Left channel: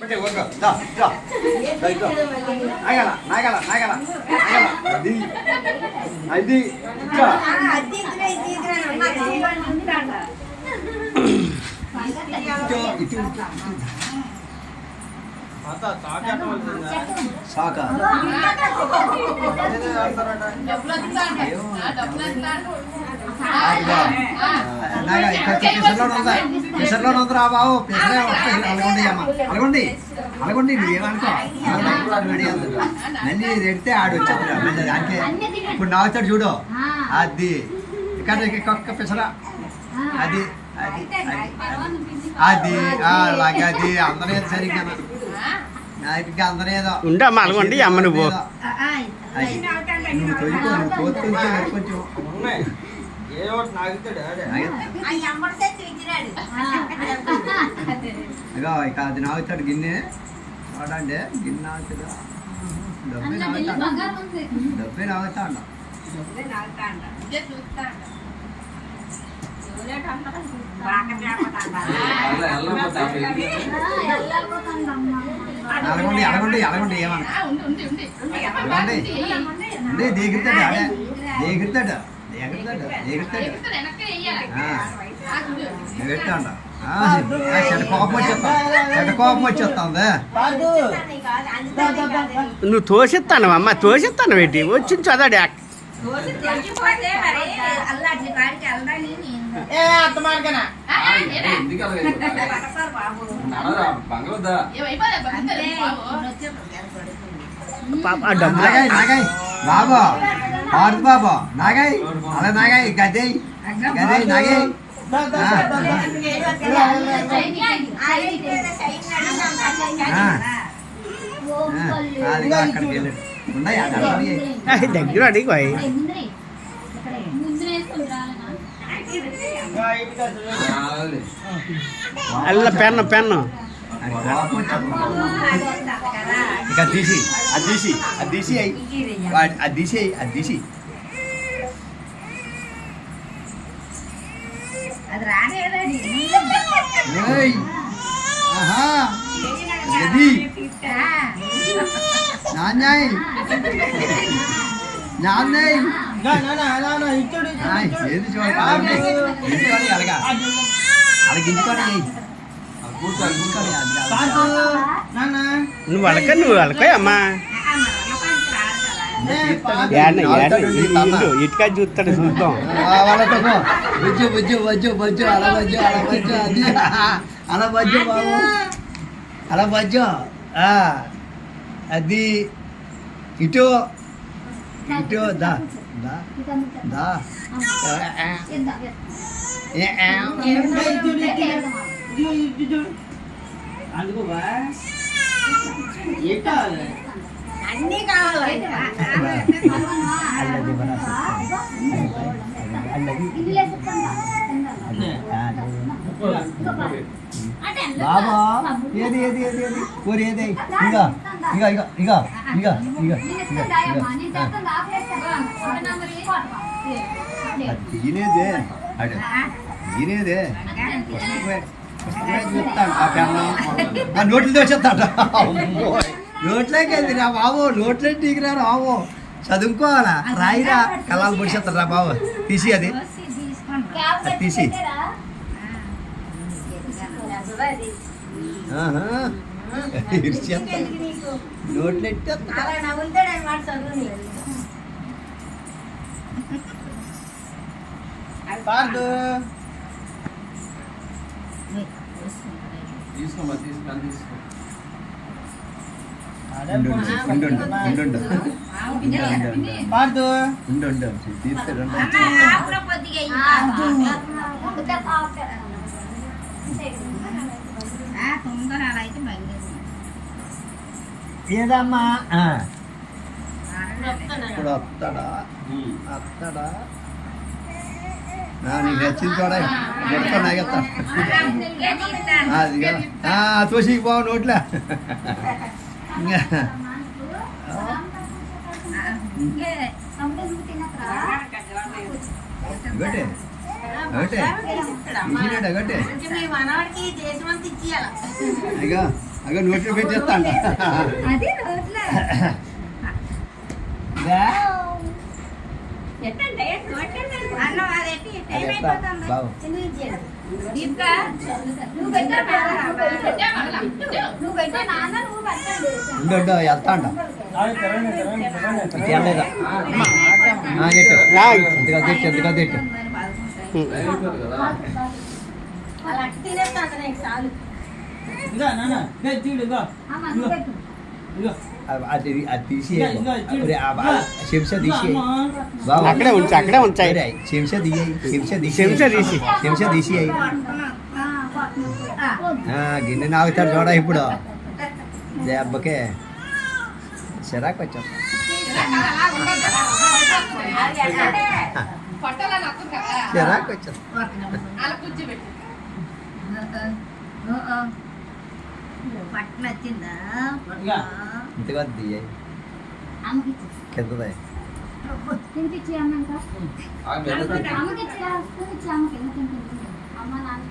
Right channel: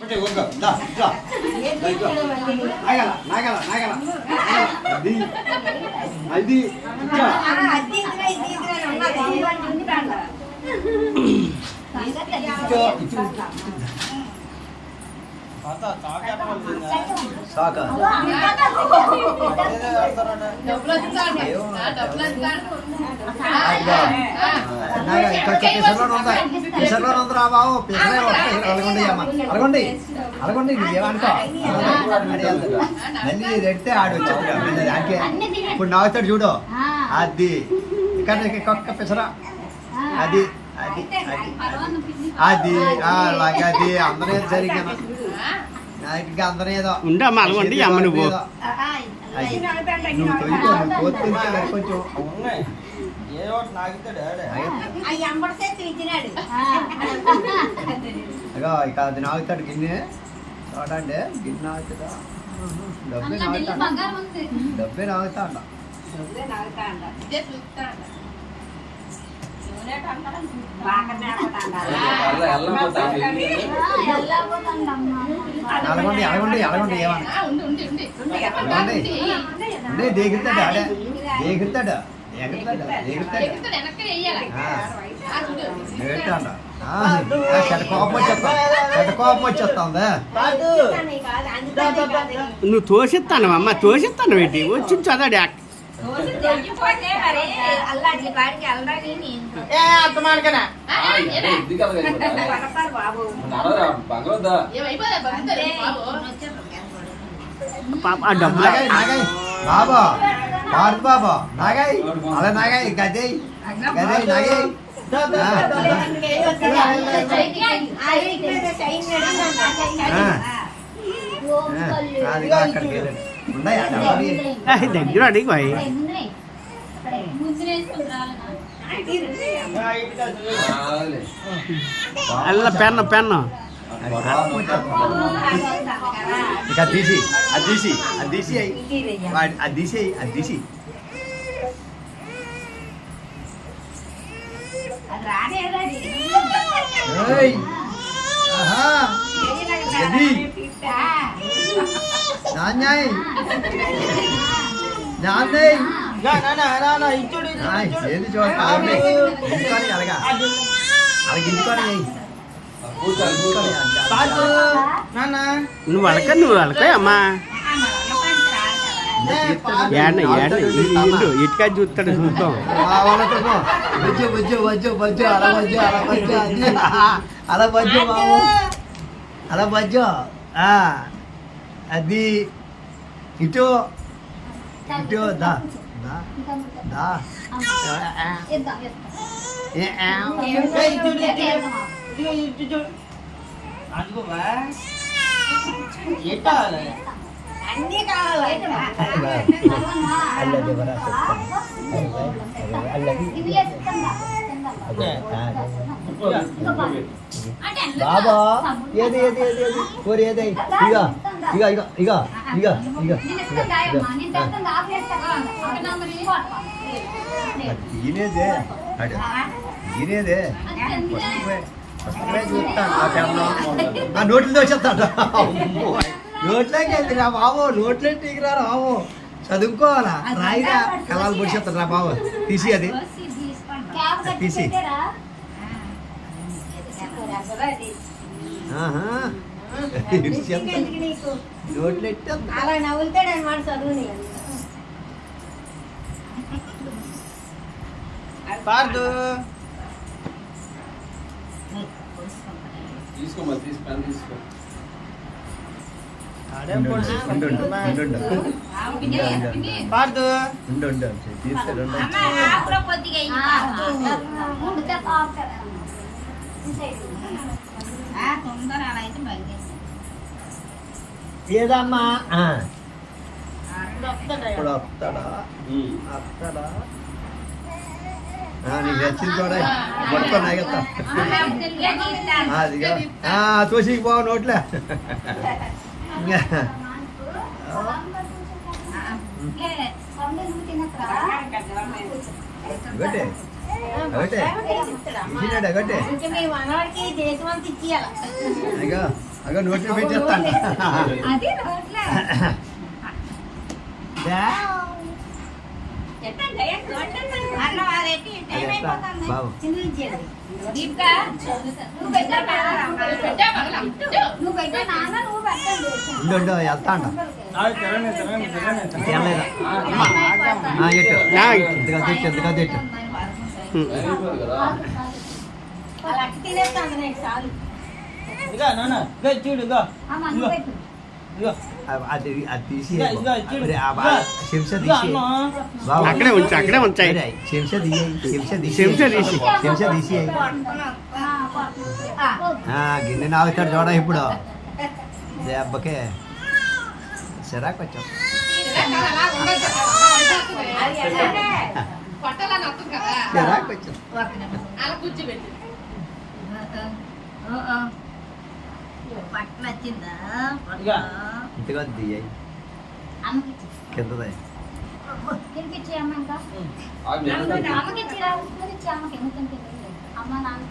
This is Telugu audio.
పట్టే ఒక్క దా దా దా ఇట్లా నాగల నాగల నాగల నాగల అది అది ఇట్లా ఇట్లా ఇట్లా సాక నాగ ఇక్కడ పిసర్లో ఉందా? పిసర్లో ఉందిరా బాబు? పిసరే వస్తాయి అలగొండి అమ్మ. అలగొండి అలగొండి నువ్వు ఏమనుకో మళ్ళీ ఎడితే ఆడు దానికే. ఇప్పుడు నాగుతాడు చూడు. అది. ఇక్కడ ఒక్క పిసరా. అది అది అది. అది అలాగే అది. అందరూ సరిగ్గా ఇంకా అందరూ ఏదో. ఉండే అమ్మ అలగొండి అమ్మ నువ్వు అది. నువ్వు నువ్వు కొంచెం. ఇక అది నాగుతాడు గిన్నె. చూడండి గిన్నె నాగుతుందా? డబ్బే నాగుతాడు? డబ్బే అలగొండి అలగొండి ఏమన్నా. అలగొండి అంటే ఆడే దేగిస్తాడు దేగిస్తాడు దేగిస్తాడు పెట్టాడ చెడ్డ కోపం వచ్చేస్తాం చెడ్డ కోపం వచ్చేస్తాందా. నువ్వు తోసిస్తాను అమ్మ తోసిస్తాను ఏంటి? వచ్చి చదవాడు బాబా. భారత్ బాబా నాగాయ్ అలా నాగాయ్ గదే. గదే ఇయ్యి. దగ్గర అడిగి చూడు. అల్ల పెన్ను పెన్ను. ఇక అది తీసి అది తీసి అది తీసి అది తీసి. అది తీసి అది నాన్నయ్గా, నా, నా, నా, నా, ఇచ్చుడు, ఇచ్చుడు, ఆయ్, ఇచ్చుడు. ఏది చూడక అలాగే అలాగా. అది. నువ్వు అలక నువ్వు అలక అమ్మా. ఇటుక చూస్తాడు చూద్దాం. బుజ్జు బుజ్జు బజ్జు బజ్జు అలా బజ్జు అలా బజ్జు అది అలా బజ్జు బాబు. అలా బజ్జు ఆ, అది ఇటు ఇటు దా దా దా. ఇదిగో, ఇటు చూడు. అందుకో బా. ఏ కావాలి? అన్నీ కావాలి. అల్లది. బాబా ఏది ఏది ఏది ఏది? కోరి ఏది? ఇగ ఇగ ఇగ ఇగ ఇగ ఇగ దీనేదే అడు దీనేదే చెప్తాను ఆ పెన్ను ఆ నోట్లు దోచేస్తాడు. నోట్లోకి వెళ్తే రా బాబు నోట్లే టీకిరా బాబు. చదువుకోవాలా? రాయిరా. కళాలు పొడిచేస్తాడు రా బాబు. తీసి అది. తీసి. నోట్లు ఎట్టేస్తాడు. అలా నవ్వుతాడు అనమాట చదువుని పార్దు. తీసుకోమా తీసుకొని తీసుకో ఏదమ్మా? ఇప్పుడు వస్తాడా వస్తాడా నీకు వచ్చింది చూడ. పడుకో నాగెత్తా అదిగా ఆ, తోసికి పోవు నోట్లే. ఒకటే ఒకటే ఇచ్చినాడు ఒకటే అయ్యో అగో నోట్లో పెట్టేస్తా అంట అది రోడ్లో ఎట్టండి, ఎట్టు, ఎట్టండి. అన్నం ఉండు వెళ్తా అంట. తినలేదా తిట్టు ఎందుకు తిట్టు తినేస్తాను నేను చాలు. ఇక అది అది తీసి ఇగో తీసి. అక్కడే ఉంచు అక్కడే ఉంచాయి అరే, చెంచా తీయి చెంచా తీసి చెంచా తీసి. చెంచా తీసి ఆ, కొట్టు. ఆ. ఆ, గిన్నె నాగుతాడు చూడ ఇప్పుడు దెబ్బకే చిరాకు వచ్చాం చిరాకు వచ్చాం పట్టు నచ్చిందా ఇక. ఇంతగా దియ్యాయి కిందదే. అమ్మ నాన్న